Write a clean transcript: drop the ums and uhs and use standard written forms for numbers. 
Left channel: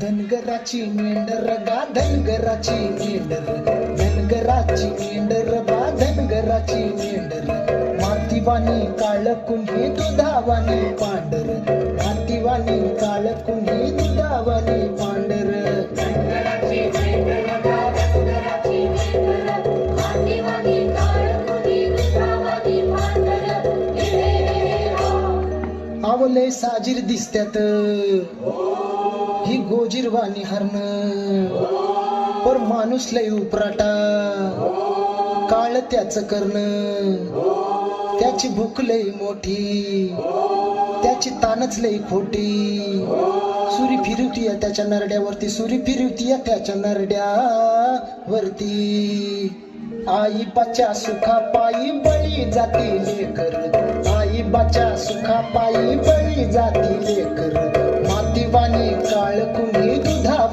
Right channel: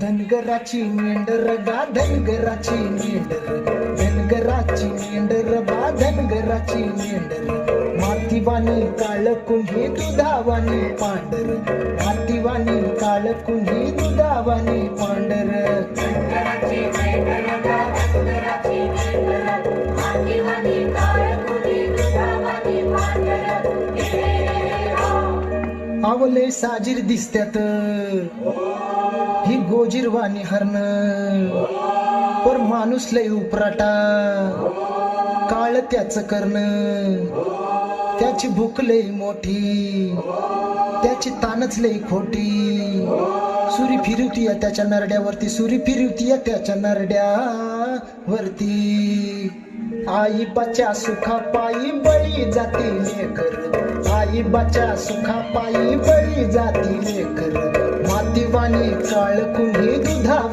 धनगराची मेंढर गा धनगराची मेंढर, धनगराची मेंढर गा धनगराची मेंढर, मातीवानी काळ कुंभी दुधावानी पांढर, मातीवानी काळ कुंभी दुधावानी पांढर. आवले साजीर दिसत्यात ही गोजीरवाणी हरण, पर माणूस लय उपराटा काळ त्याच करण, त्याची भूक लय मोठी त्याची तानच लय खोटी, सुरी फिरवतीय त्याच्या नरड्यावरती, सुरी फिरवतीय त्याच्या नरड्यावरती. आई बाच्या सुखा पायी बळी जाती लेकर, आई बाच्या सुखा पायी बळी जाती लेकर, मातीवानी काळ कुंभी दुधा